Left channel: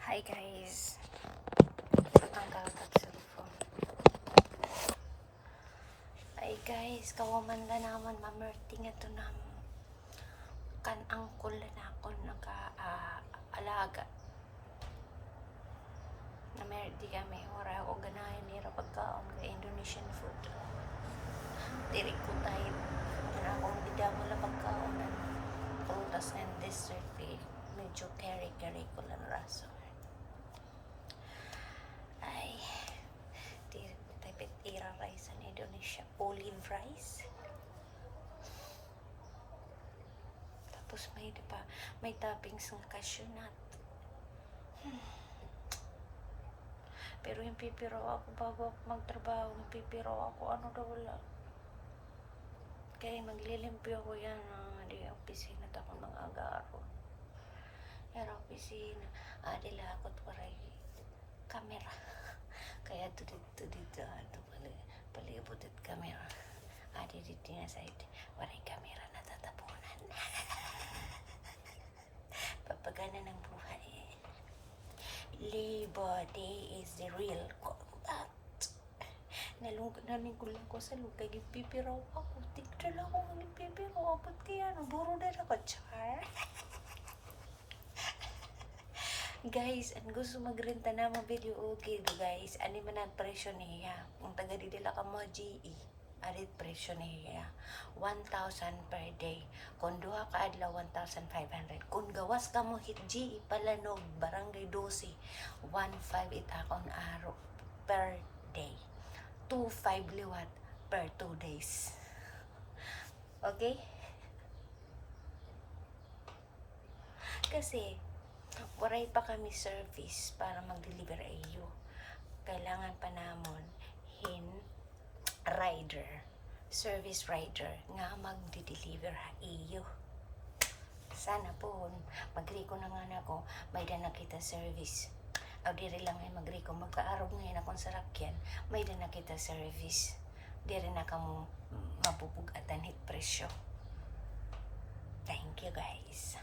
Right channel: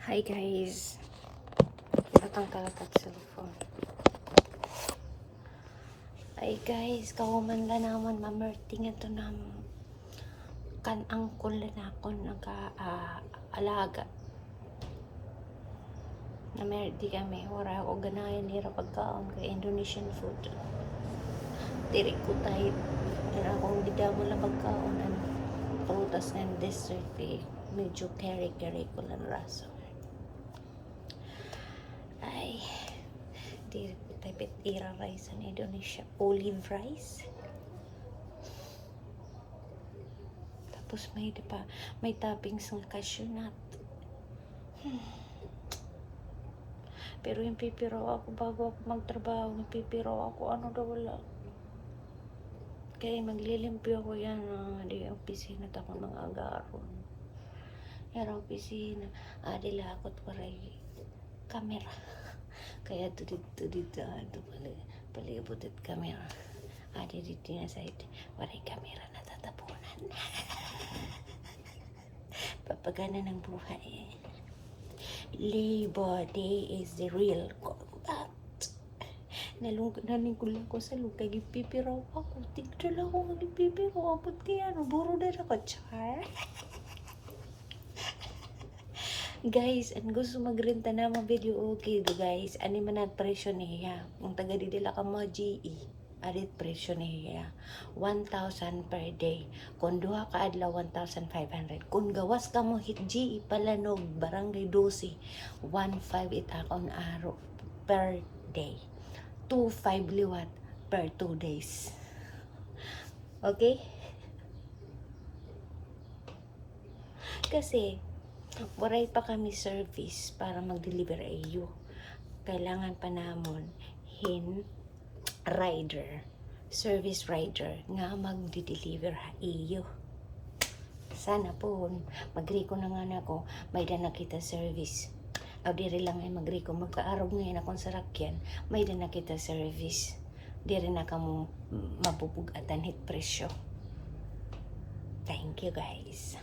Hi guys, ibutang kalat at cellphone. Hi guys, kawaman la naman mamerting ito na kan angkol na ako nag-alaga. Namerti kami, wala ako ganayan nira pagkaon kay Indonesian food. Tirik ko tayo. Yan akong gidamo lang pagkaon ng prutas and dessert medyo keri-keri ko lang rasa. Ay, tirik ko tayo pitira rice in Indonesia. Olive rice. Tapos may, diba, may toppings ng cashew nut. Pero yung pipiro ako bago ako magtrabaho, yung pipiro ako, ano daw wala. Kaya maglilimpyo ako yan, di opisina ako ng agaron. Yan opisina, dilakot ko rin kamera. Kaya tudit palibot at kamera. Dito na side, waray kamera na tatapunan. Papagana ng buhay. Labor Day is the real combat. Nalingkulan ko sa lupa, gipipiraw ako. Tignan lang ako gipipiraw. Abot kaya, buro na ako, char. Guys, ang gusto magrenta na mga video, okay do guys. Ani man ang presyo niya. Ang taga didila ka mo, GE. Arit presyo niya. 1,000 per day. Kung duha ka adlaw, 1,500. Kung gawas ka mo hit GE Palanog, Barangay 12, 1,500 itakon araw per day. 2,500 liwat per 2 days. Okay? Kasi, waray pa kami service para mag-deliver iyo. Kailangan pa namon service rider nga magdi-deliver iyo. Sana po, magriko na nga ako, may da nakita service. Aw diri lang ay magriko, magkaarog ngayon akong sarakyan, may da nakita service. Diri na kamo mabubugatan hit presyo. Thank you guys.